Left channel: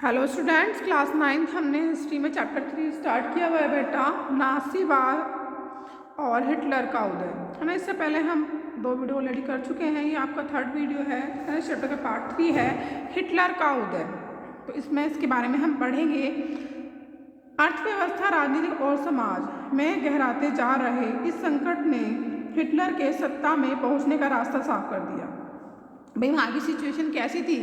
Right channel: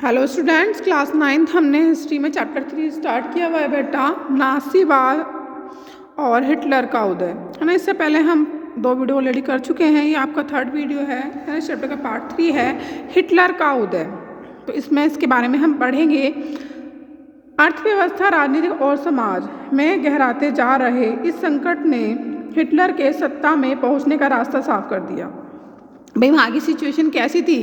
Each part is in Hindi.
हेलो स्टूडेंट्स, क्लास 9th हमने हिस्ट्री में चैप्टर 3 स्टार्ट किया हुआ है बेटा, नासीवाद और हिटलर का उदय, है ना। इससे पहले हम 2 वीडियो ऑलरेडी कर चुके हैं। ये आपका 3rd वीडियो है इस चैप्टर का पार्ट 3 है हिटलर का उदय। तो इसमें इसके बारे में हम पढ़ेंगे। अर्थव्यवस्था, राजनीति और समाज में गहराते जा रहे इस संकट ने हिटलर के सत्ता में पहुंचने का रास्ता साफ कर दिया। भाई वहाँ की सिचुएशन कैसी थी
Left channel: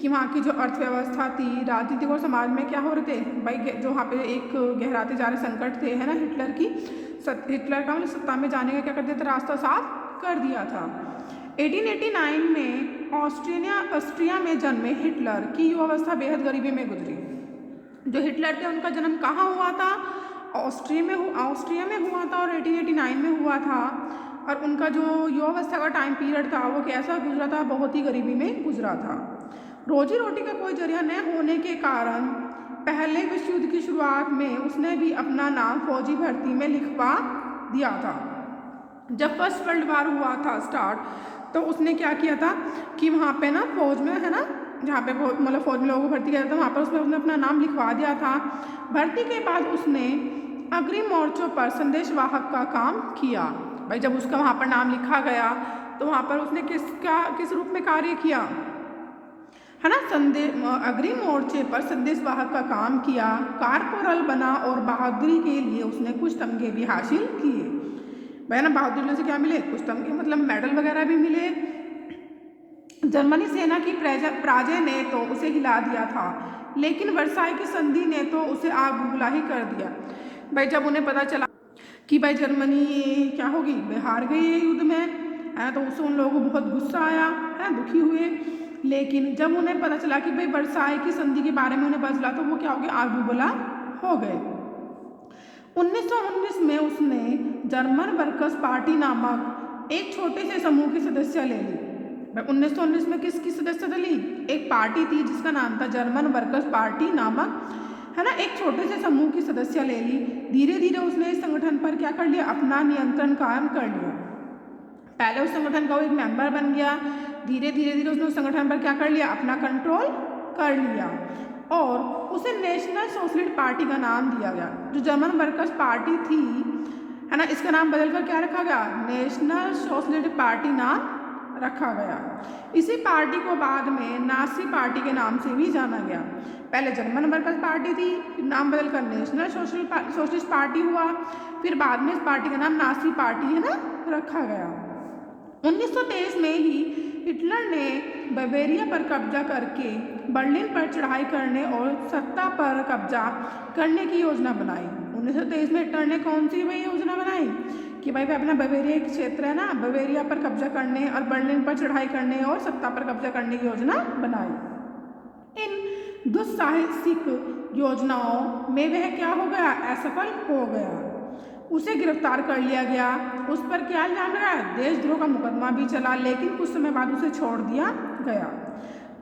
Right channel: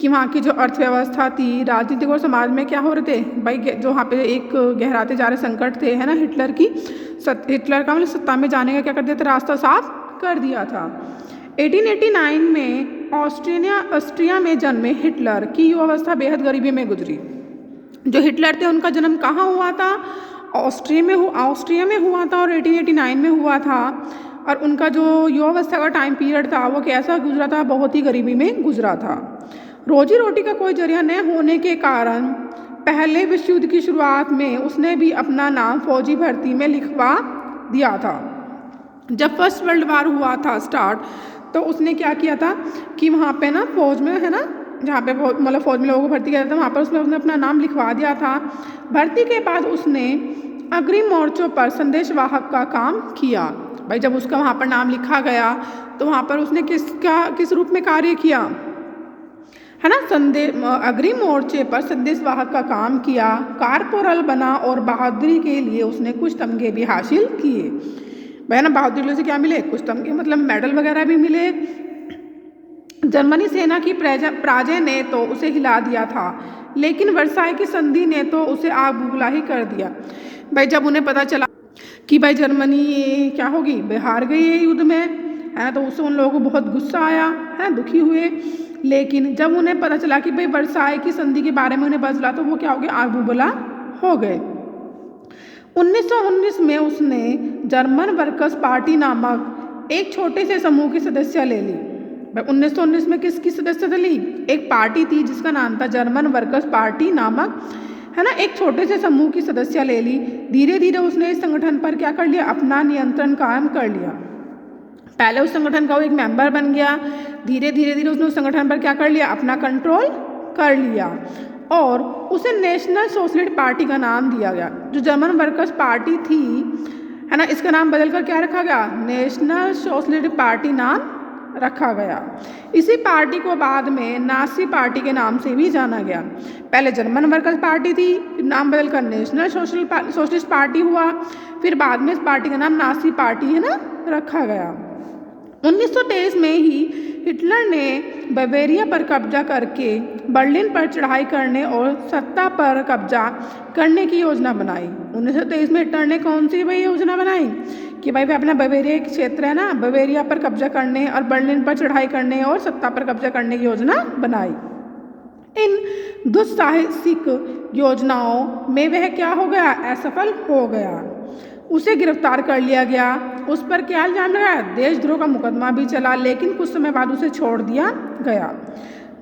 कि वहाँ की जो अर्थव्यवस्था थी, राजनीतिक और समाज में क्या हो रहे थे भाई, जो वहाँ पे एक गहराते जा रहे संकट थे, है ना। हिटलर का मतलब सत्ता में जाने का क्या कर दिया था, रास्ता साफ कर दिया था। 1889 में ऑस्ट्रिया में जन्मे हिटलर की युवावस्था बेहद गरीबी में गुजरी। जो हिटलर थे उनका जन्म कहाँ हुआ था, ऑस्ट्रिया में हुआ था और 1889 में हुआ था। और उनका जो युवावस्था का टाइम पीरियड था वो कैसा गुजरा था, बहुत ही गरीबी में गुजरा था। रोजी रोटी का कोई जरिया न होने के कारण पहले विश्व युद्ध की शुरुआत में उसने भी अपना नाम फौजी भर्ती में लिखवा दिया था। जब फर्स्ट वर्ल्ड वार हुआ था स्टार्ट, तो उसने क्या किया था कि वहाँ पे ना फौज में, है ना, जहाँ पे मतलब फौज में लोगों को भर्ती किया था, वहाँ पर उसने अपना नाम लिखवा दिया था। भर्ती के बाद उसने अग्रिम मोर्चों पर संदेशवाहक का काम किया। भाई जब उसका वहाँ पर नाम लिखा गया तो वहाँ पर उसने किस रूप में कार्य किया, है ना। अग्रिम मोर्चे पर संदेशवाहक का काम किया, कारपोरल बना और बहादुरी के लिए उसने कुछ तमगे भी हासिल किए। भाई ना, बहादुरी से क्या मिले, कुछ तमगे मतलब मेडल वगैरह भी मिले। जर्मनी सेना की पराजय ने तो उसे हिला दिया था, लेकिन वर्साई की संधि ने तो उसे आग बुबूला ही कर दिया। भाई जब उन्हें पता चला कि भाई जर्मनी क्या होगी, भाई हार गई है युद्ध में, है, तो उससे उन लोगों को बहुत गुस्सा आया, है, दुखी हुए। लेकिन जब उन्हें पता चला कि भाई वर्साई की संधि के बारे में उन्हें पता चला, तो वो क्या हो गए, आग बुबूला हो गए। 1919 में उसने जर्मन वर्कर्स पार्टी नामक एक छोटे से समूह की सदस्य ले ली। 1919 में किसकी सदस्यता ली, एक पार्टी थी जिसका नाम था जर्मन वर्कर्स पार्टी नामक, है ना, एक छोटे से समूह की सदस्य ले ली। धीरे धीरे उसने इस संगठन पर क्या कर लिया, अपना नियंत्रण कायम कर लिया। पहले उस संगठन का वो एक मेंबर बन गया, धीरे धीरे उसने उस संगठन पर क्या कर लिया, अपना कंट्रोल कर लिया और उसे नेशनल सोशलिस्ट पार्टी का नाम दिया गया। जो जर्मन वर्कर्स पार्टी थी, है ना, इसका नाम बदलकर क्या रखा गया, नेशनल सोशलिस्ट पार्टी नाम रखा गया। इसी पार्टी को बाद में नाजी पार्टी के नाम से भी जाना गया। पहले जर्मन वर्कर्स पार्टी थी, फिर नाम बदलकर नेशनल सोशलिस्ट पार्टी हुआ, फिर बाद में इस पार्टी का नाम नाजी पार्टी, है ना, रखा गया। 1923 में ही हिटलर ने बवेरिया पर कब्जा करके बर्लिन पर चढ़ाई करने और सत्ता पर कब्जा करने की योजना बनाई। 1923 में हिटलर ने कौन सी भाई योजना बनाई कि भाई अपना बवेरिया के क्षेत्र है ना, बवेरिया पर कब्जा करने और बर्लिन पर चढ़ाई करने और सत्ता पर कब्जा करने की योजना बनाई। इन दुस्साहसिक योजनाओं में वह क्या हो गया, असफल हो गया। उसे गिरफ्तार कर लिया गया, उस पर क्या इल्जाम लगाया, देशद्रोह का मुकदमा भी चला, लेकिन कुछ समय बाद उसे छोड़ दिया गया।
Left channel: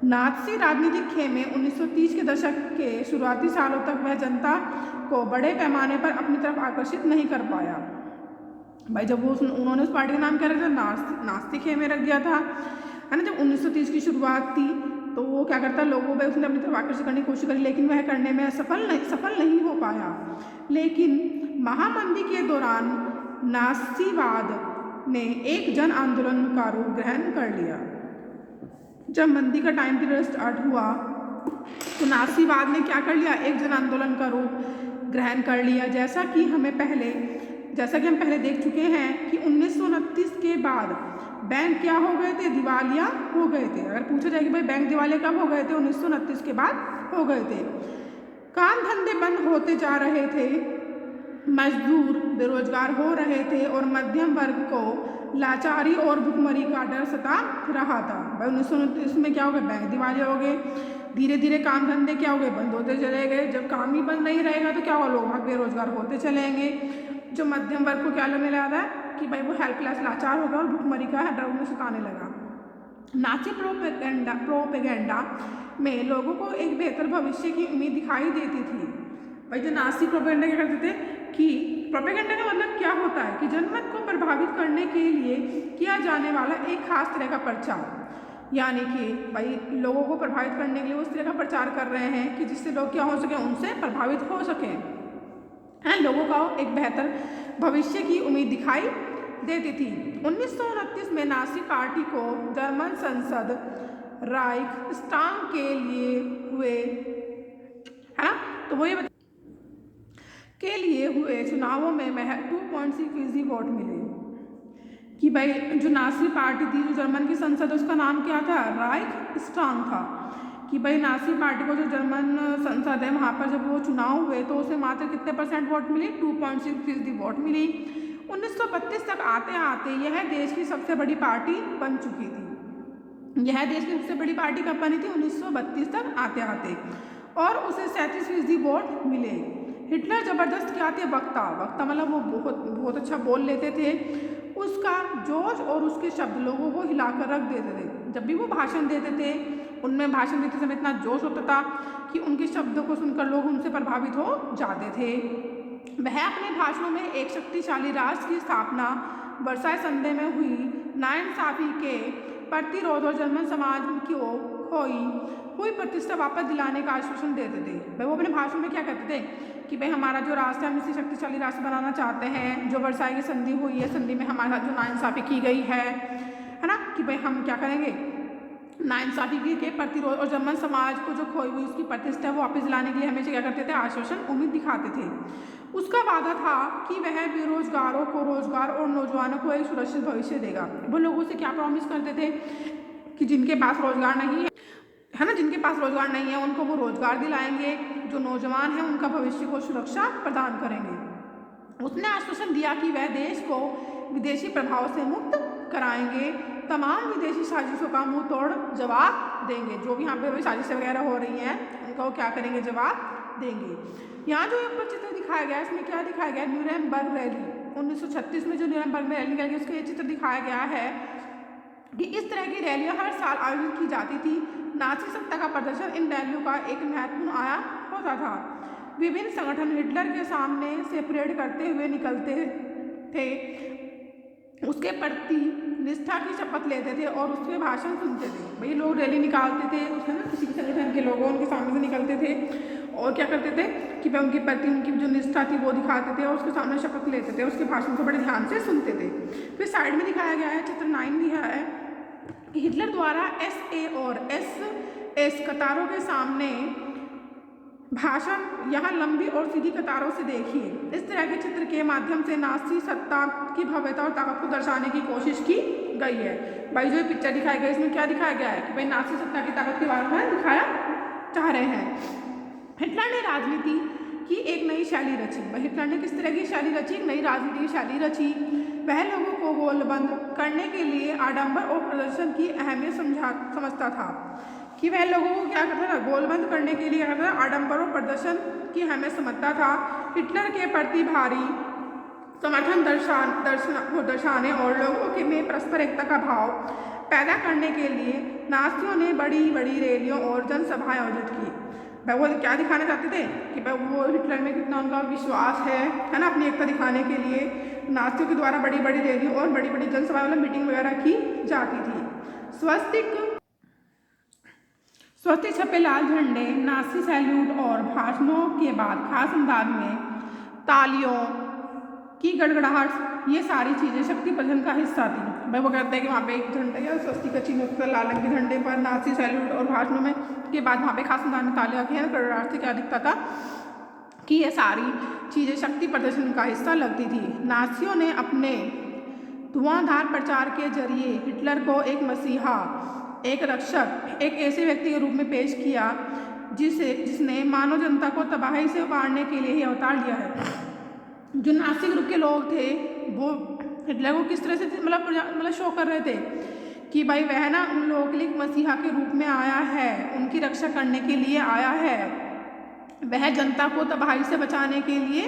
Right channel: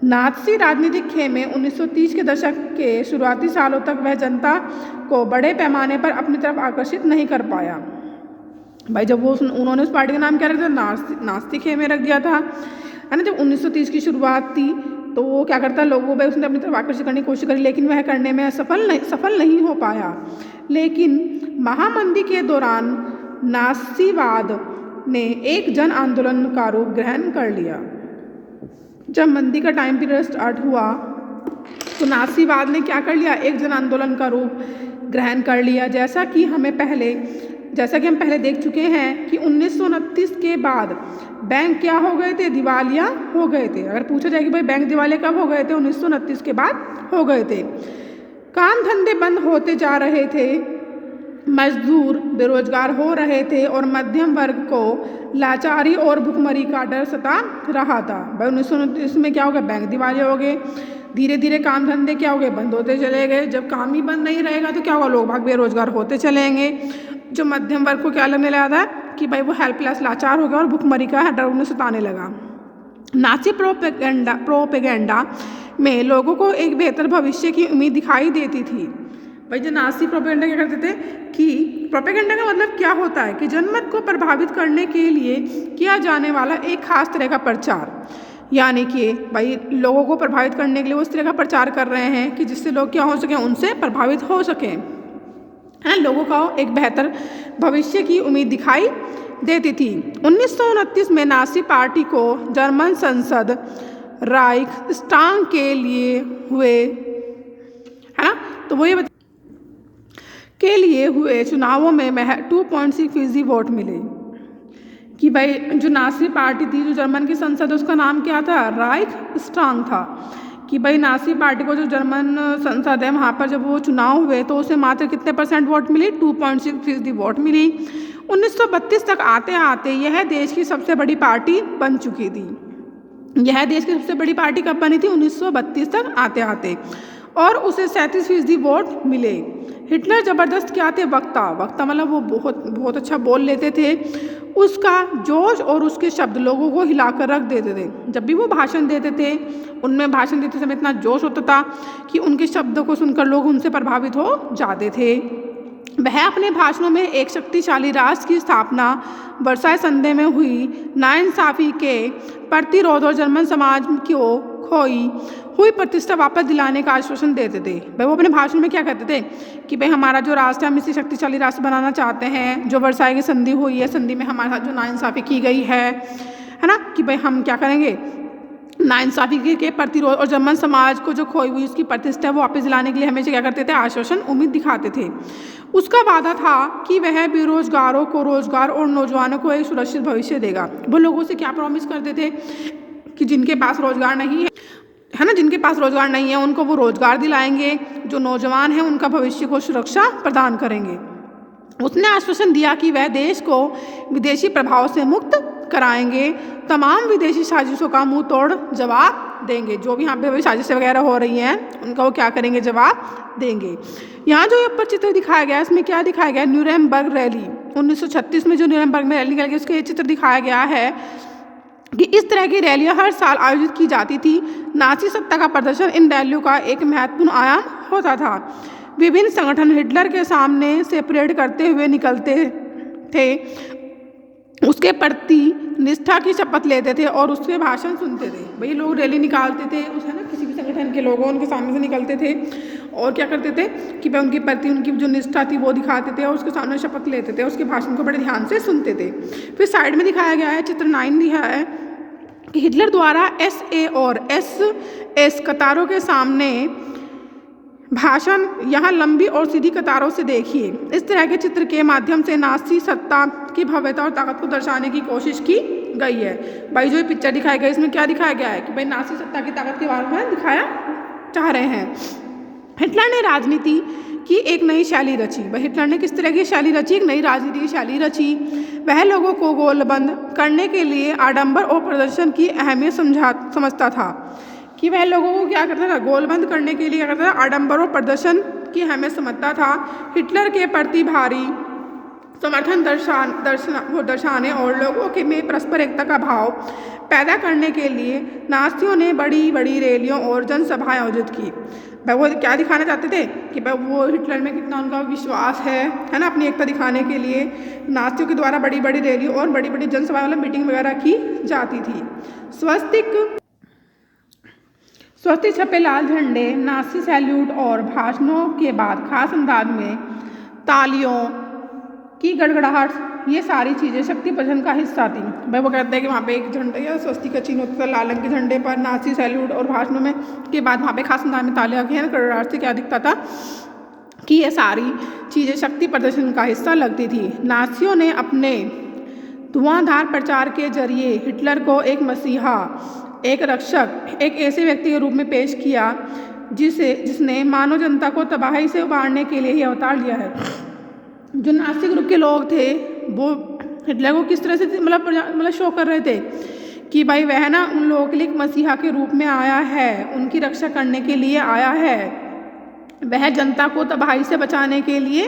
नाज़ी राजनीतिक खेमे 1930 के दशक के शुरुआती सालों तक वह जनता को बड़े पैमाने पर अपनी तरफ आकर्षित नहीं कर पाया। भाई जब उन्होंने उस पार्टी का नाम क्या रख दिया, नाज़ी खेमे रख दिया था, है ना। जब 1930 की शुरुआत थी तो वो क्या करता, लोगों पर उसने अपनी तरफ आकर्षित करने की कोशिश करी, लेकिन वह करने में सफल नहीं हो पाया। लेकिन महामंदी के दौरान नासीवाद ने एक जन आंदोलन का रूप ग्रहण कर लिया। जब मंदी का टाइम पीरियड स्टार्ट हुआ तो नासीवाद ने क्या कर लिया, एक जन आंदोलन का रूप ग्रहण कर लिया। जैसा कि हम पहले देख चुके हैं कि 1929 के बाद बैंक क्या हो गए थे, दिवालिया हो गए थे। अगर पूछा जाए कि भाई बैंक दिवालिया कब हो गए थे, 1929 के बाद हो गए थे। काम धंधे बंद होते जा रहे थे, मजदूर बेरोजगार हो रहे थे और मध्यम वर्ग को लाचारी और भुखमरी का डर सता रहा था। भाई 1929 में क्या हो गया, बैंक दिवालिया हो गए, धीरे धीरे काम धंधे क्या हो गए, बंद होते चले गए। जब काम ही बंद नहीं रहेगा तो क्या होगा, लोग भाग बेरोजगार होते चलेंगे। जो मध्यम वर्ग को क्या लगने लगा था कि भाई वो हेल्पलेस, लाचार हो गया और भुखमरी का डर उन्हें सताने लगा। नाची प्रोपेगेंडा में लोगों को एक बेहतर भविष्य की उम्मीद दिखाई देती थी। भाई जो नाजी प्रोपेगेंडा क्या करते थे कि प्रोपेगेंडा का मतलब क्या होता है कि जनमत को प्रभावित करने के लिए किया जाने वाला एक खास तरह का प्रचार। यानी कि भाई लोगों को प्रभावित करने के लिए वो इस तरह का प्रचार कर रहे हैं कि जिससे लोग क्या हो सकें, उनसे प्रभावित हो सकें, है, लोगों को एक बेहतर भविष्य की उम्मीद दिखाई देती थी। 1929 में नाज़ी पार्टी को जर्मन संसद राइक्सटाग के लिए हुए, है ना, तो वो ये के लिए हुए चुनावों में 2.6% वोट मिले। कि भाई जो नाज़ी पार्टी थी, जो जर्मन की संसद, उसका नाम क्या था, राइक्सटाग था। कि भाई नाज़ी पार्टी को जो जर्मन संसद है वहाँ पर जब वो चुनाव हुए तो उसे मात्र कितने % वोट मिली, 2.6% वोट मिली। 1932 तक आते आते यह देश की सबसे बड़ी पार्टी बन चुकी थी। यह देश की सबसे बड़ी पार्टी कब बनी थी, 1932 तक आते आते, और उसे 37% वोट मिले। हिटलर ज़बरदस्त क्या थे, वक्ता मतलब वो बहुत अच्छा बोल लेते थे। उसका जोश और उसके शब्द लोगों को हिलाकर रख देते थे। जब भी वो भाषण देते थे, उनमें भाषण देते समय इतना जोश होता था कि उनके शब्दों को सुनकर लोग उनसे प्रभावित हो जाते थे। वह अपने भाषणों में एक शक्तिशाली राष्ट्र की स्थापना, वर्साई संधि में हुई नाइंसाफ़ी के प्रतिरोध और जर्मन समाज को खोई हुई प्रतिष्ठा वापस दिलाने का आश्वासन देते थे। भाई वो अपने भाषण में क्या कहते थे कि भाई हमारा जो राष्ट्र है, हम इसे शक्तिशाली राष्ट्र बनाना चाहते हैं। जो वर्साई की संधि हुई है, संधि में हमारा जो नाइंसाफ़ी की गई है ना, कि भाई हम क्या करेंगे, नाइंसाफ़ी के प्रतिरोध और जर्मन समाज को जो खोई हुई उसकी प्रतिष्ठा वो वापस दिलाने के लिए हमेशा क्या करते थे, आश्वासन, उम्मीद दिखाते थे। उसका वादा था कि वह बेरोजगारों को रोजगार और नौजवानों को एक सुरक्षित भविष्य देगा। वो लोगों से क्या प्रॉमिस करते थे कि जिनके पास रोजगार नहीं है ना, जिनके पास रोजगार नहीं है उनको वो रोजगार दिलाएंगे, जो नौजवान हैं उनका भविष्य को सुरक्षा प्रदान करेंगे। उसने आश्वासन दिया कि वह देश को विदेशी प्रभाव से मुक्त कराएंगे, तमाम विदेशी साजिशों का मुंह तोड़ जवाब देंगे। जो भी यहाँ पे साजिशें वगैरह हो रही हैं उनका वो क्या करेंगे, जवाब देंगे। यहाँ जो ऊपर चित्र दिखाया गया है, इसमें क्या दिखाया गया है, न्यूरेमबर्ग रैली 1936 में जो न्यूरेमबर्ग में रैली निकल गई उसका ये चित्र दिखाया गया है कि इस तरह की रैलियां हर साल आयोजित की जाती थी। नाज़ी सत्ता का प्रदर्शन इन रैलियों का एक महत्वपूर्ण आयाम होता था। विभिन्न संगठन हिटलर के सामने से परेड करते हुए निकलते थे, उसके प्रति निष्ठा की शपथ लेते थे और उसके भाषण सुनते थे। भाई लोग रैली निकालते थे, उस है ना, किसी भी संगठन के लोग उनके सामने से निकलते थे और क्या करते थे कि भाई उनके प्रति उनकी जो निष्ठा थी वो दिखाते थे और उसके सामने शपथ लेते थे, उसके भाषण को बड़े ध्यान से सुनते थे। फिर साइड में दिखाया गया है, चित्र 9 दिया है कि हिटलर द्वारा SA और SS कतारों के सामने भाषण यहाँ लंबी और सीधी कतारों से देखिए। इस तरह के चित्र के माध्यम से नाज़ी सत्ता की भव्यता और ताकत को दर्शाने की कोशिश की गई है। भाई जो ये पिक्चर दिखाई गई इसमें क्या दिखाया गया है कि भाई नाज़ी सत्ता की ताकत के बारे में दिखाया चाह रहे हैं। हिटलर ने राजनीति की एक नई शैली रची। भाई हिटलर ने किस तरह की शैली रची, एक नई राजनीति की शैली रची। वह लोगों को गोलबंद करने के लिए आडंबर और प्रदर्शन की अहमियत समझता था। कि वह लोगों को क्या करता था, गोलबंद करने के लिए क्या करता था, आडंबर और प्रदर्शन की अहमियत समझता था। हिटलर के प्रति भारी समर्थन दर्शाने और लोगों के में परस्पर एकता का भाव पैदा करने के लिए नाज़ियों ने बड़ी बड़ी रैलियों और जनसभाएं आयोजित की। भाई वो क्या दिखाना चाहते थे कि भाई वो हिटलर में कितना उनका विश्वास है ना, अपनी एकता दिखाने के लिए नाज़ियों के द्वारा बड़ी बड़ी रैलियों और बड़ी बड़ी जनसभाएं मतलब मीटिंग वगैरह की जाती थी। स्वस्तिक छपे लाल झंडे, नाज़ी सैल्यूट और भाषणों के बाद खास अंदाज में तालियों की गड़गड़ाहट, ये सारी चीज़ें शक्ति प्रदर्शन का हिस्सा थी। भाई वो कहते हैं कि वहाँ पे एक झंडे या स्वस्तिक का चिन्ह होता था लाल रंग के झंडे पर, नाज़ी सैल्यूट और भाषणों में के बाद वहाँ पे खास अंदाज में तालियां की गड़गड़ाहट से क्या दिखता था कि ये सारी चीज़ें शक्ति प्रदर्शन का हिस्सा लगती थी। नाज़ियों ने अपने धुआंधार प्रचार के जरिए हिटलर को एक मसीहा, एक रक्षक, एक ऐसे व्यक्ति के रूप में पेश किया जिसने मानव जनता को तबाही से उबारने के लिए ही अवतार लिया है। जो नाज़ी ग्रुप के लोग थे वो हिटलर को किस तरह से मतलब शो कर रहे थे कि भाई वह ना उन लोगों के लिए एक मसीहा के रूप में आया है, उनकी रक्षा करने के लिए आया है, वह जनता को तबाही से बचाने के लिए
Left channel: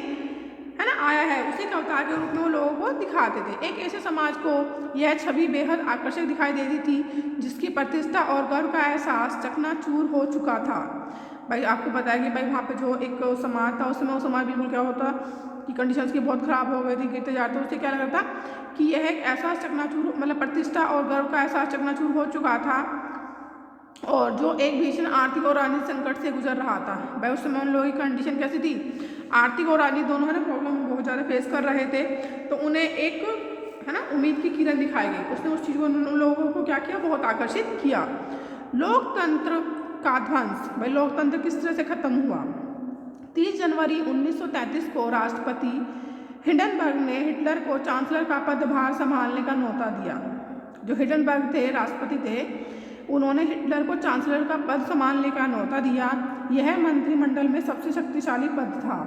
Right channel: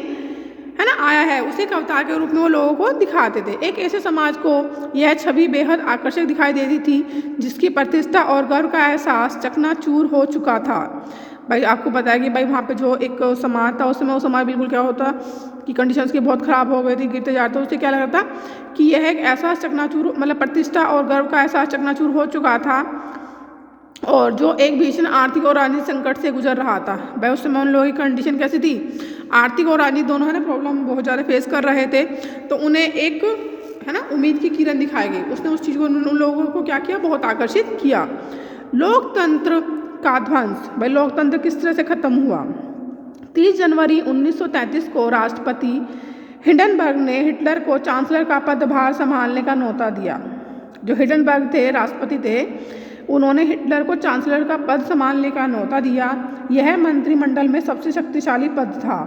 है ना आया है। उसी के अवतार के रूप में वो लोगों को दिखाते थे। एक ऐसे समाज को यह छवि बेहद आकर्षक दिखाई देती थी जिसकी प्रतिष्ठा और गर्व का एहसास चकनाचूर हो चुका था। भाई आपको पता है कि भाई वहाँ पे जो एक समाज था उस समय वो समाज बिल्कुल क्या होता कि कंडीशंस की बहुत ख़राब हो गई थी, गिरते जाते। उससे क्या लगा था कि यह एक ऐसा चकनाचूर मतलब प्रतिष्ठा और गर्व का ऐसा चकनाचूर हो चुका था और जो एक भीषण आर्थिक और राजनीतिक संकट से गुजर रहा था। भाई उस समय उन लोगों की कंडीशन कैसी थी, आर्थिक और राजनीतिक दोनों है ना प्रॉब्लम बहुत ज़्यादा फेस कर रहे थे। तो उन्हें एक है ना उम्मीद की किरण दिखाई गई। उसने उस चीज़ को उन लोगों को क्या किया, बहुत आकर्षित किया। लोकतंत्र का ध्वंस, भाई लोकतंत्र किस तरह से खत्म हुआ। 30 जनवरी 1933 को राष्ट्रपति हिंडनबर्ग ने हिटलर को चांसलर का पदभार संभालने का न्योता दिया। जो हिंडनबर्ग थे राष्ट्रपति थे, उन्होंने हिटलर को चांसलर का पद संभालने का न्योता दिया। यह मंत्रिमंडल में सबसे शक्तिशाली पद था।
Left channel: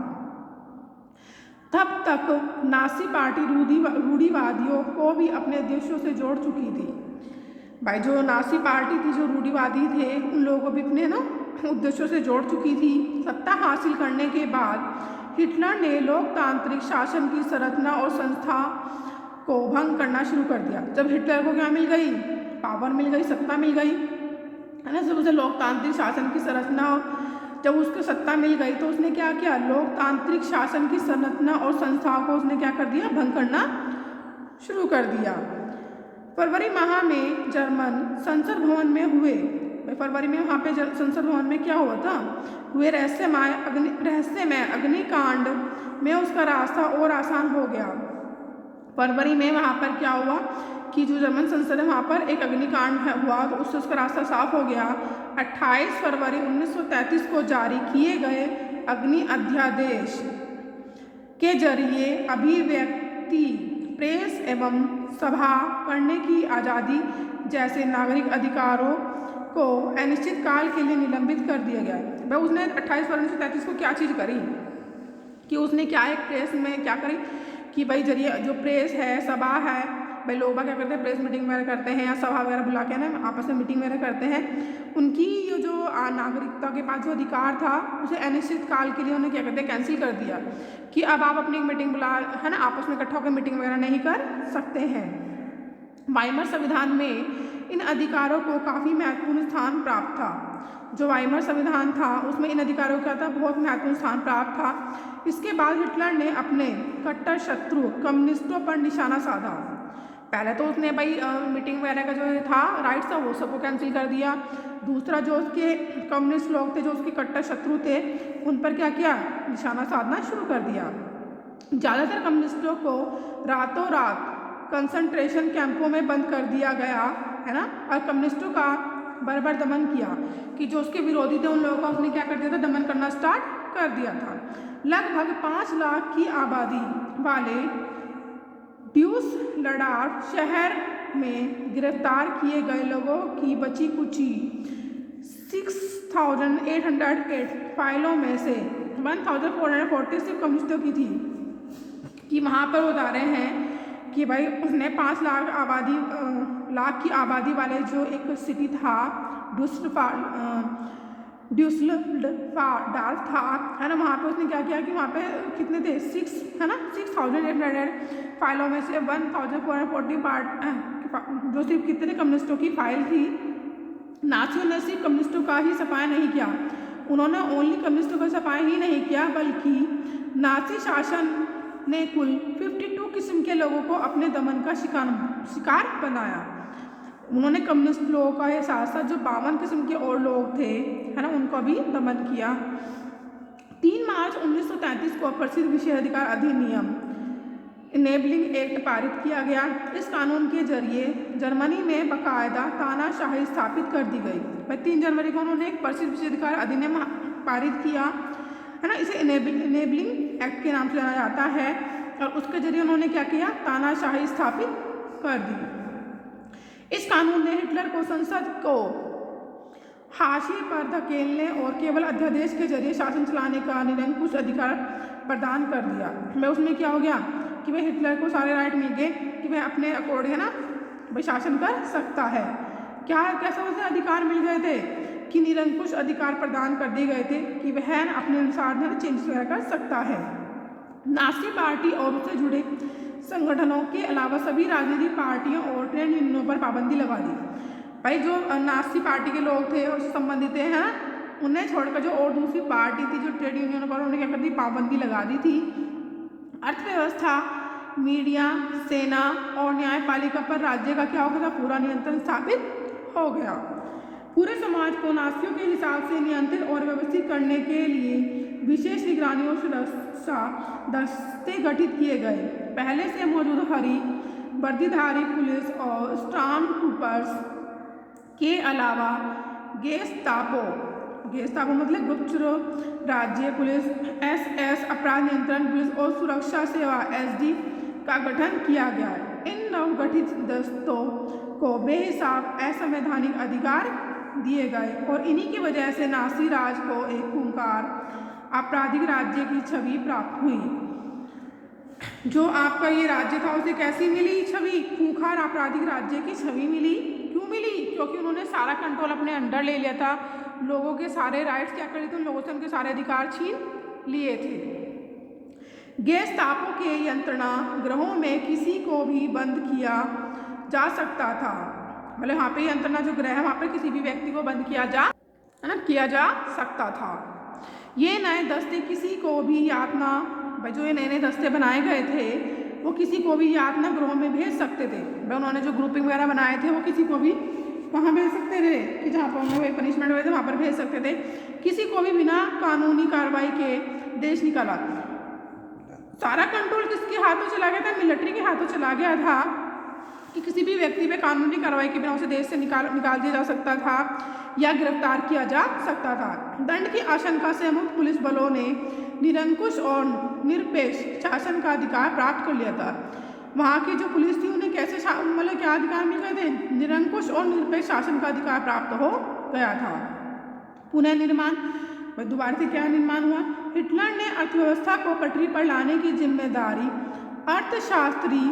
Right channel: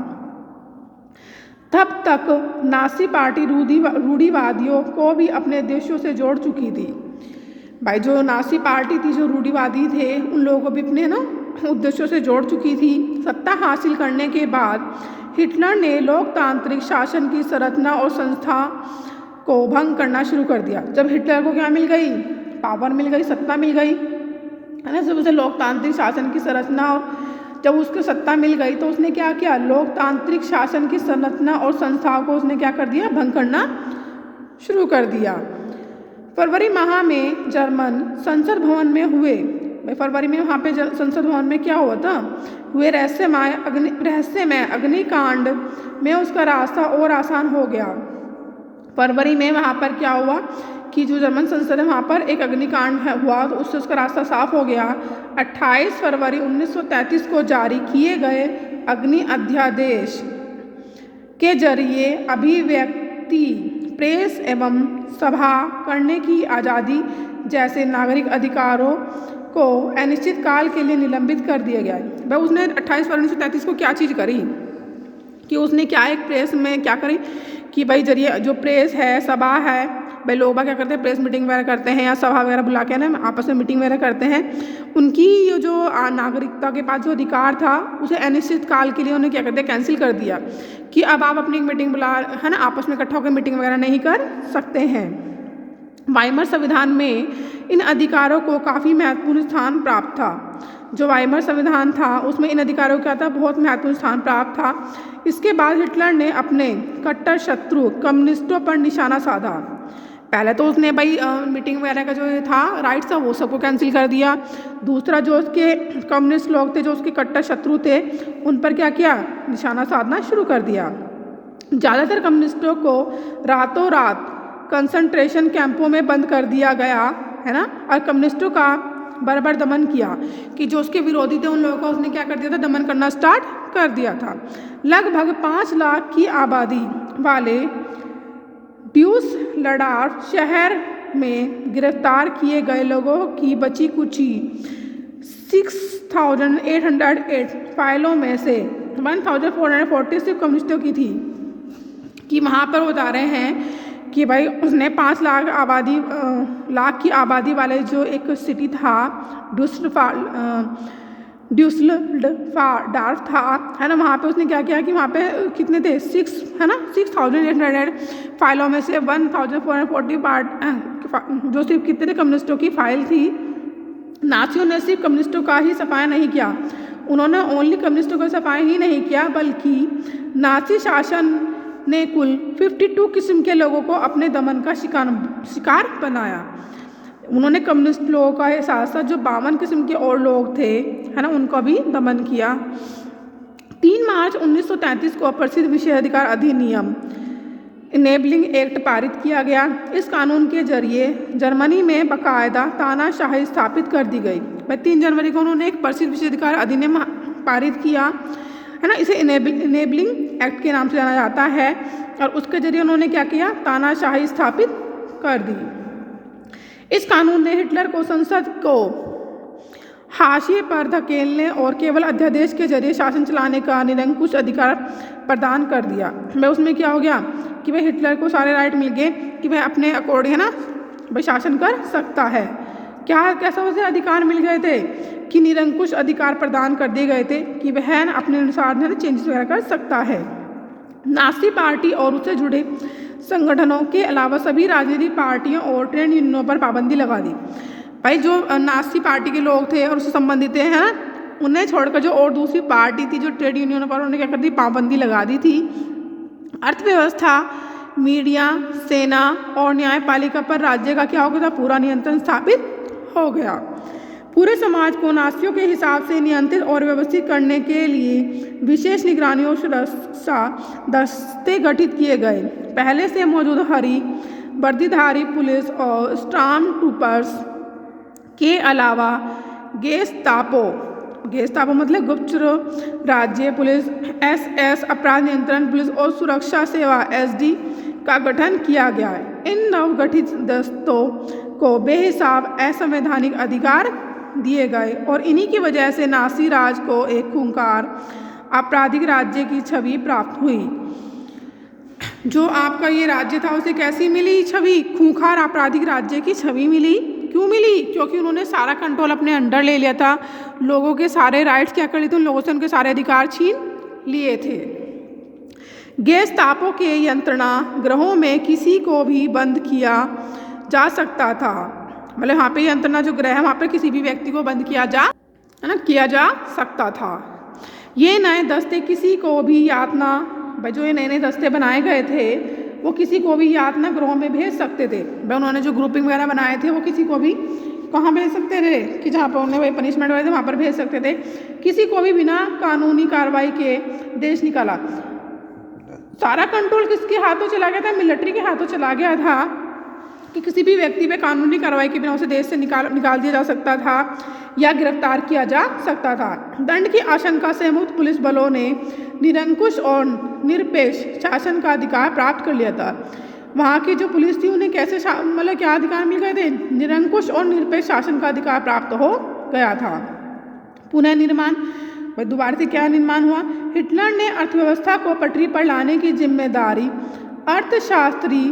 तब तक नासी पार्टी रूढ़िवादियों को भी अपने देशों से जोड़ चुकी थी। भाई जो नासी पार्टी थी, जो रूढ़िवादी थे, उन लोगों को भी अपने ना उद्देश्यों से जोड़ चुकी थी। सत्ता हासिल करने के बाद हिटलर ने लोकतांत्रिक शासन की संरचना और संस्था को भंग करना शुरू कर दिया। जब हिटलर को क्या मिल गई, पावर मिल गई, सत्ता मिल गई है ना, जब उसे लोकतांत्रिक शासन की संरचना और जब उसको सत्ता मिल गई तो उसने क्या किया, लोकतांत्रिक शासन की संरचना और संस्थाओं को उसने क्या कर दिया, भंग करना शुरू कर दिया। फरवरी माह में जर्मन संसद भवन में हुए, फरवरी में वहाँ पे संसद भवन में क्या हुआ था, हुए रहस्यमय अग्निकांड में उसका रास्ता और आसान हो गया। फरवरी में वहाँ पर क्या हुआ कि जो जर्मन संसद है वहाँ पर एक अग्निकांड हुआ तो उससे उसका रास्ता साफ हो गया। 28 फरवरी 1933 को जारी किए गए अग्नि अध्यादेश के जरिए अभिव्यक्ति, प्रेस एवं सभा करने की आज़ादी जैसे नागरिक अधिकारों को अनिश्चित काल के लिए निलंबित कर दिया गया। भाई उसने 28 फरवरी 1933 को क्या चीज़ करी कि उसने क्या एक प्रेस में क्या करी कि भाई जरिए जो प्रेस है, सभा है, भाई लोग क्या करते हैं, प्रेस मीटिंग वगैरह करते हैं या सभा वगैरह बुला के ना आपस में मीटिंग वगैरह करते हैं। उनकी जो नागरिकता के पास जो अधिकार था उसे अनिश्चित काल के लिए उन्हें क्या करते हैं, कैंसिल कर दिया कि अब आप अपनी मीटिंग बुला है ना आपस में इकट्ठा होकर मीटिंग वगैरह नहीं कर सकते हैं। वाइमर संविधान में इन अधिकारों को काफ़ी महत्वपूर्ण स्थान प्राप्त था। जो वाइमर संविधान था उसमें इन अधिकारों का था बहुत महत्वपूर्ण स्थान प्राप्त था। इसके बाद हिटलर ने अपने कट्टर शत्रु कम्युनिस्टों पर निशाना साधा। पहले तो उसने भाई मीटिंग वगैरह का जो था राइट्स था वो सबको कैंसिल कर दिया। दूसरा जो उसके कम्युनिस्ट लोग थे, जो उसके कट्टर शत्रु थे, उन पर क्या किया, निशाना साधना शुरू कर दिया। ज़्यादातर कम्युनिस्टों को रातों रात कंसंट्रेशन कैंपों में बंद कर दिया गया है ना, और कम्युनिस्टों का बराबर दमन किया कि जो उसके विरोधी थे उन लोगों का उसने क्या कर दिया था, दमन करना स्टार्ट कर दिया था। लगभग 5 लाख की आबादी वाले ड्यूसलडॉर्फ शहर में गिरफ्तार किए गए लोगों की बची कुची 6,808 फाइलों में से 1,446 कम्युनिस्टों की थी। कि वहाँ पर वो बता रहे हैं कि भाई उसने 5 लाख की आबादी वाले जो एक सिटी था ड्यूसलडॉर्फ था है ना, वहाँ पे उसने क्या किया कि वहाँ पे कितने थे 6,800 फाइलों में से 1,440 जो सिर्फ कितने थे कम्युनिस्टों की फाइल थी। नासियों ने सिर्फ कम्युनिस्टों का ही सफाया नहीं किया, उन्होंने ओनली कम्युनिस्टों का सफाया ही नहीं किया बल्कि नासी शासन ने कुल 52 किस्म के लोगों को अपने दमन का शिकार बनाया। उन्होंने कम्युनिस्ट लोगों का साथ साथ जो 52 किस्म के और लोग थे है ना, उनको भी दमन किया। 3 मार्च 1933 को प्रसिद्ध विशेषाधिकार अधिनियम इनेबलिंग एक्ट पारित किया गया। इस कानून के जरिए जर्मनी में बाकायदा तानाशाही स्थापित कर दी गई। 3 जनवरी को उन्होंने एक प्रसिद्ध विशेषाधिकार अधिनियम पारित किया है ना, इसे इनेबलिंग एक्ट के नाम से जाना जाता है। और उसके जरिए उन्होंने क्या किया, तानाशाही स्थापित कर दी। इस कानून ने हिटलर को संसद को हाशिए पर धकेलने और केवल अध्यादेश के जरिए शासन चलाने का निरंकुश अधिकार प्रदान कर दिया। मैं उसमें क्या हो गया कि वह हिटलर को सारे राइट मिल गए कि वह अपने अकॉर्डिंग है ना भाई शासन कर सकता है। कैसा उसे अधिकार मिल गए थे कि निरंकुश अधिकार प्रदान कर दिए गए थे कि वह अपने अनुसार है ना चेंज वगैरह कर सकता है। नासी पार्टी और उससे जुड़े संगठनों के अलावा सभी राजनीतिक पार्टियों और ट्रेड यूनियनों पर पाबंदी लगा दी। भाई जो नासी पार्टी के लोग थे और उससे संबंधित थे हैं उन्हें छोड़कर जो और दूसरी पार्टी थी जो ट्रेड यूनियनों पर, उन्होंने क्या कर दी, पाबंदी लगा दी थी। अर्थव्यवस्था, मीडिया, सेना और न्यायपालिका पर राज्य का क्या हो गया था, पूरा नियंत्रण स्थापित हो गया। पूरे समाज को नासियों के हिसाब से नियंत्रित और व्यवस्थित करने के लिए विशेष निगरानी और सुरक्षा दस्ते गठित किए गए। पहले से मौजूद हरी वर्दीधारी पुलिस और स्टॉर्म ट्रूपर्स के अलावा गेस्तापो मतलब गुप्तचर राज्य पुलिस, एसएस अपराध नियंत्रण पुलिस और सुरक्षा सेवा एसडी का गठन किया गया है। इन नवगठित दस्तों को बेहिसाब असंवैधानिक अधिकार दिए गए और इन्हीं की वजह से नासी राज को एक खूंखार आपराधिक राज्य की छवि प्राप्त हुई। जो आपका ये राज्य था उसे कैसी मिली छवि, खूंखार आपराधिक राज्य की छवि मिली। क्यों मिली? क्योंकि उन्होंने सारा कंट्रोल अपने अंडर ले लिया था, लोगों के सारे राइट्स क्या कर लिए थे, उन लोगों से उनके सारे अधिकार छीन लिए थे। गेस्तापो के यंत्रणा गृहों में किसी को भी बंद किया जा सकता था, मतलब यहाँ पे यंत्रणा जो गृह है वहाँ पे किसी भी व्यक्ति को बंद किया जा सकता था। ये नए दस्ते किसी को भी यातना, जो ये नए दस्ते बनाए गए थे वो किसी को भी यातना गृहों में भेज सकते थे। उन्होंने जो ग्रुपिंग वगैरह बनाए थे वो किसी को भी कहाँ भेज सकते थे कि जहाँ पर उन्हें वही पनिशमेंट वगैरह थे वहाँ पर भेज सकते थे। किसी को भी बिना कानूनी कार्रवाई के देश निकाला। सारा कंट्रोल किसके हाथों चला गया था? मिलिट्री के हाथों चला गया था कि किसी भी व्यक्ति पे कानूनी कार्रवाई के बिना उसे देश से निकाल दिया जा सकता था या गिरफ्तार किया जा सकता था। दंड की आशंका से मुक्त पुलिस बलों ने निरंकुश और निरपेक्ष शासन का अधिकार प्राप्त कर लिया था। वहाँ की जो पुलिस थी उन्हें कैसे मतलब क्या अधिकार मिल गए थे? निरंकुश और निरपेक्ष शासन का अधिकार प्राप्त हो गया था। पुनर्निर्माण, दोबारा से क्या निर्माण हुआ? हिटलर ने अर्थव्यवस्था को पटरी पर लाने की जिम्मेदारी अर्थशास्त्री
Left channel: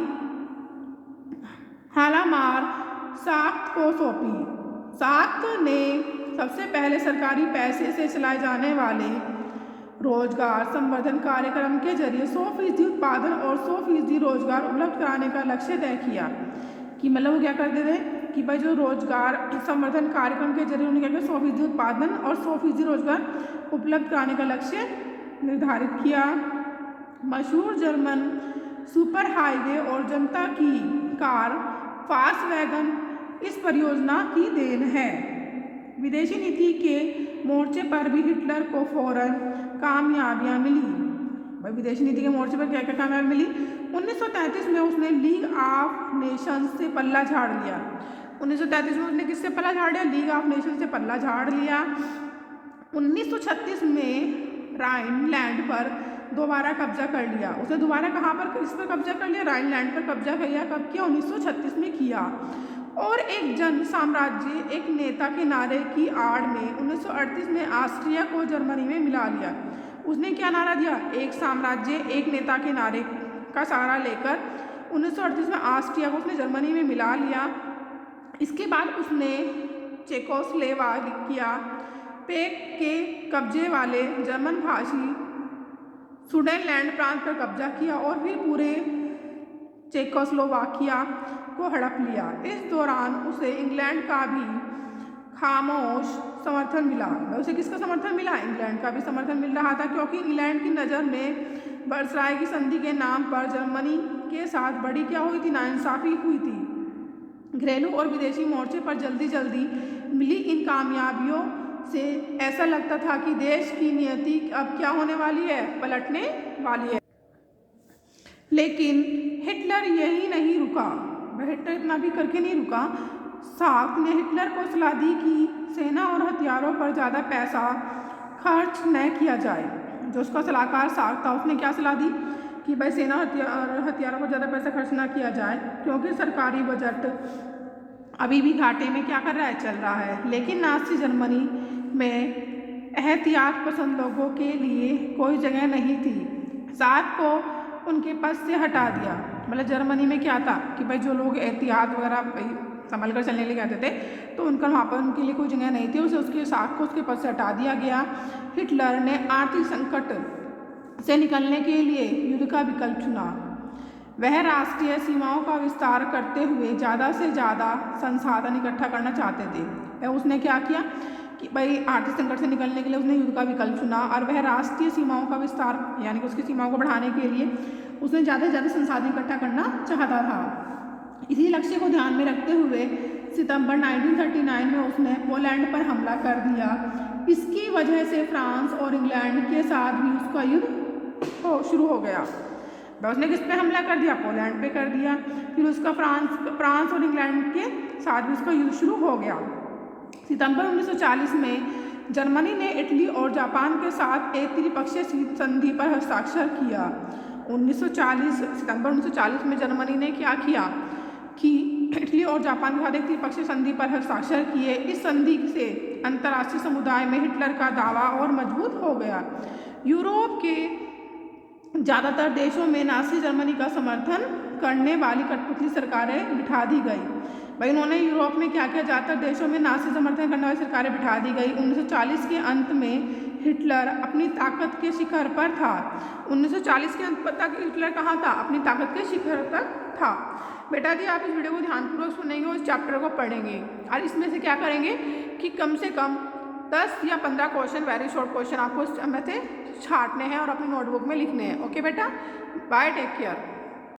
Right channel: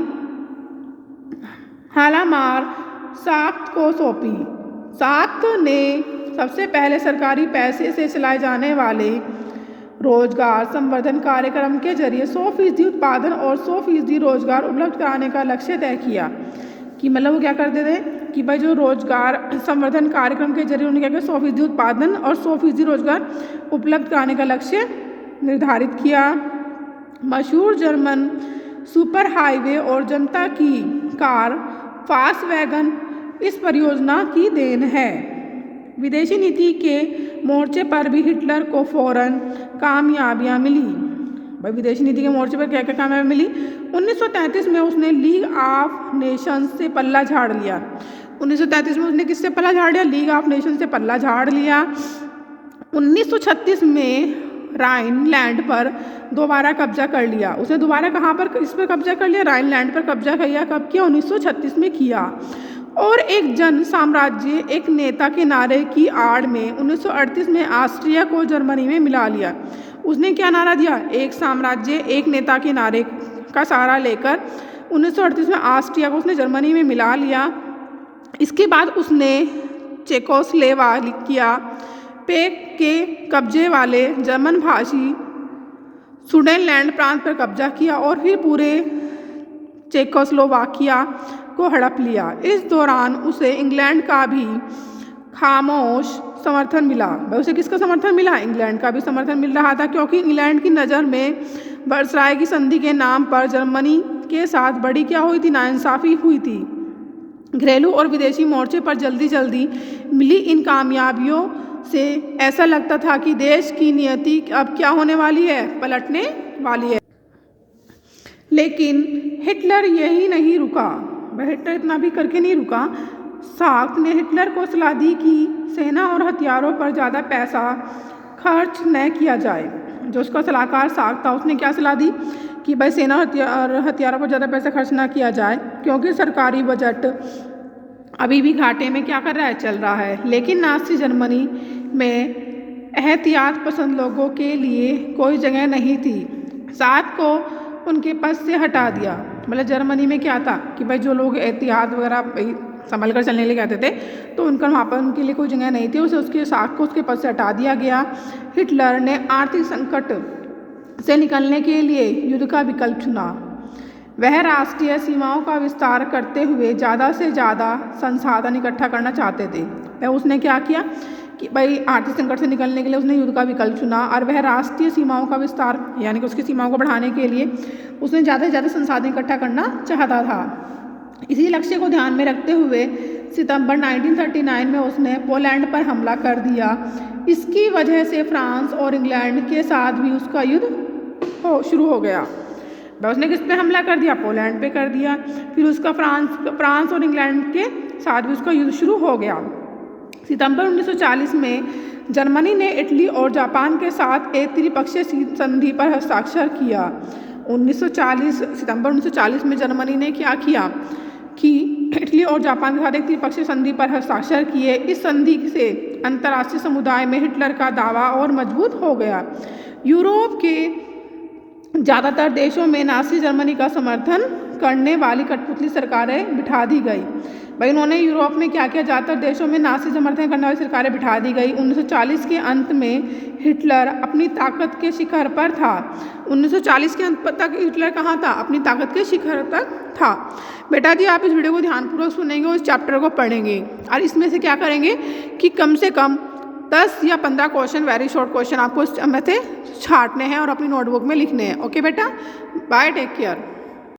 हालामार साख्त को सौंपी। साख्त ने सबसे पहले सरकारी पैसे से चलाए जाने वाले रोजगार संवर्धन कार्यक्रम के जरिए 100% उत्पादन और 100% रोजगार उपलब्ध कराने का लक्ष्य तय किया। कि मतलब वो क्या करते थे कि भाई जो रोजगार संवर्धन कार्यक्रम के जरिए उन्होंने क्या किया, 100% उत्पादन और 100% रोजगार उपलब्ध कराने का लक्ष्य निर्धारित किया। मशहूर जर्मन सुपर हाईवे और जनता की कार फास्ट वैगन इस परियोजना की देन है। विदेशी नीति के मोर्चे पर भी हिटलर को फौरन कामयाबियां मिली। भाई विदेशी नीति के मोर्चे पर क्या क्या कामयाबी मिली? 1933 में उसने लीग ऑफ नेशंस से पल्ला झाड़ लिया। 1933 में उसने किससे पल्ला झाड़ लिया? लीग ऑफ नेशंस से पल्ला झाड़ लिया। 1936 में राइनलैंड पर दोबारा कब्जा कर लिया। उसने दोबारा कहाँ पर इस पर कब्जा कर लिया? राइनलैंड पर कब्जा किया। कब किया? 1936 में किया। और एक जन साम्राज्य एक नेता के नारे की आड़ में 1938 में ऑस्ट्रिया को जर्मनी में मिला लिया। उसने क्या नारा दिया? एक साम्राज्य एक नेता के नारे का सहारा लेकर 1938 में ऑस्ट्रिया को उसने जर्मनी में मिला लिया। इसके बाद उसने चेकोस्लोवाकिया पे के कब्जे वाले जर्मन भाषी सुडेनलैंड प्रांत पर कब्जा किया और फिर पूरे चेकोस्लोवाकिया को हड़प लिया। इस दौरान उसे इंग्लैंड का भी खामोश समर्थन मिला। उसे किसका समर्थन मिला? इंग्लैंड का भी समर्थन मिल रहा था, क्योंकि इंग्लैंड की नज़र में वर्साय की संधि के नाम पर जर्मनी के साथ बड़ी क्या हुई थी? नाइंसाफ़ी हुई थी। घरेलू और विदेशी मोर्चे पर जल्दी जल्दी मिली इन कामयाबियों से ऐसा लगता था कि देश की नियति अब क्या होने वाली है? पलटने वाली है। लेकिन हिटलर यही नहीं रुका। वह हिटलर इतना भी करके नहीं रुका। साख्त ने हिटलर को सलाह दी कि सेना और हथियारों पर ज़्यादा पैसा खर्च न किया जाए। जो उसका सलाहकार साख्त था उसने क्या सलाह दी कि भाई सेना और हथियारों पर ज़्यादा पैसा खर्च ना किया जाए, क्योंकि सरकारी बजट अभी भी घाटे में क्या कर रहा है? चल रहा है। लेकिन नाज़ी जर्मनी में एहतियात पसंद लोगों के लिए कोई जगह नहीं थी। साख्त को उनके पद से हटा दिया। मतलब जर्मनी में क्या था कि भाई जो लोग एहतियात वगैरह संभल कर चलने लिए कहते थे तो उनका वहाँ पर उनके लिए कोई जगह नहीं थी। उसे उसके साख्त को उसके पद से हटा दिया गया। हिटलर ने आर्थिक संकट से निकलने के लिए युद्ध का विकल्प चुना। वह राष्ट्रीय सीमाओं का विस्तार करते हुए ज़्यादा से ज़्यादा संसाधन इकट्ठा करना चाहते थे। उसने क्या किया कि भाई आर्थिक संकट से निकलने के लिए उसने युद्ध का विकल्प चुना और वह राष्ट्रीय सीमाओं का विस्तार यानी कि उसकी सीमाओं को बढ़ाने के लिए उसने ज़्यादा से ज़्यादा संसाधन इकट्ठा करना चाहता था। इसी लक्ष्य को ध्यान में रखते हुए सितंबर 1939 में उसने पोलैंड पर हमला कर दिया। इसकी वजह से फ्रांस और इंग्लैंड के साथ भी उसका युद्ध शुरू हो गया। उसने किस पे हमला कर दिया? पोलैंड पे कर दिया। फिर उसका फ्रांस और इंग्लैंड के साथ भी उसका युद्ध शुरू हो गया। सितंबर 1940 में जर्मनी ने इटली और जापान के साथ एक त्रिपक्षीय संधि पर हस्ताक्षर किया। सितंबर 1940 में जर्मनी ने क्या किया कि इटली और जापान के साथ एक त्रिपक्षीय संधि पर हस्ताक्षर किए। इस संधि से अंतर्राष्ट्रीय समुदाय में हिटलर का दावा और मजबूत हो गया। यूरोप के ज़्यादातर देशों में नाज़ी जर्मनी का समर्थन करने वाली कठपुतली सरकारें बिठा दी गई। भाई उन्होंने यूरोप में क्या किया? ज़्यादातर देशों में नाज़ी समर्थन करने वाली सरकारें बिठा दी गई। 1940 के अंत में हिटलर अपनी ताकत के शिखर पर था। 1940 के अंत तक हिटलर कहाँ था? अपनी ताकत के शिखर तक था। बेटा जी आप इस वीडियो को ध्यानपूर्वक सुनेंगे और इस चैप्टर को पढ़ेंगे और इसमें से क्या करेंगे कि कम से कम 10 या 15 क्वेश्चन वेरी शॉर्ट क्वेश्चन आपको इसमें से छांटने हैं और अपनी नोटबुक में लिखने हैं। ओके बेटा, बाय, टेक केयर।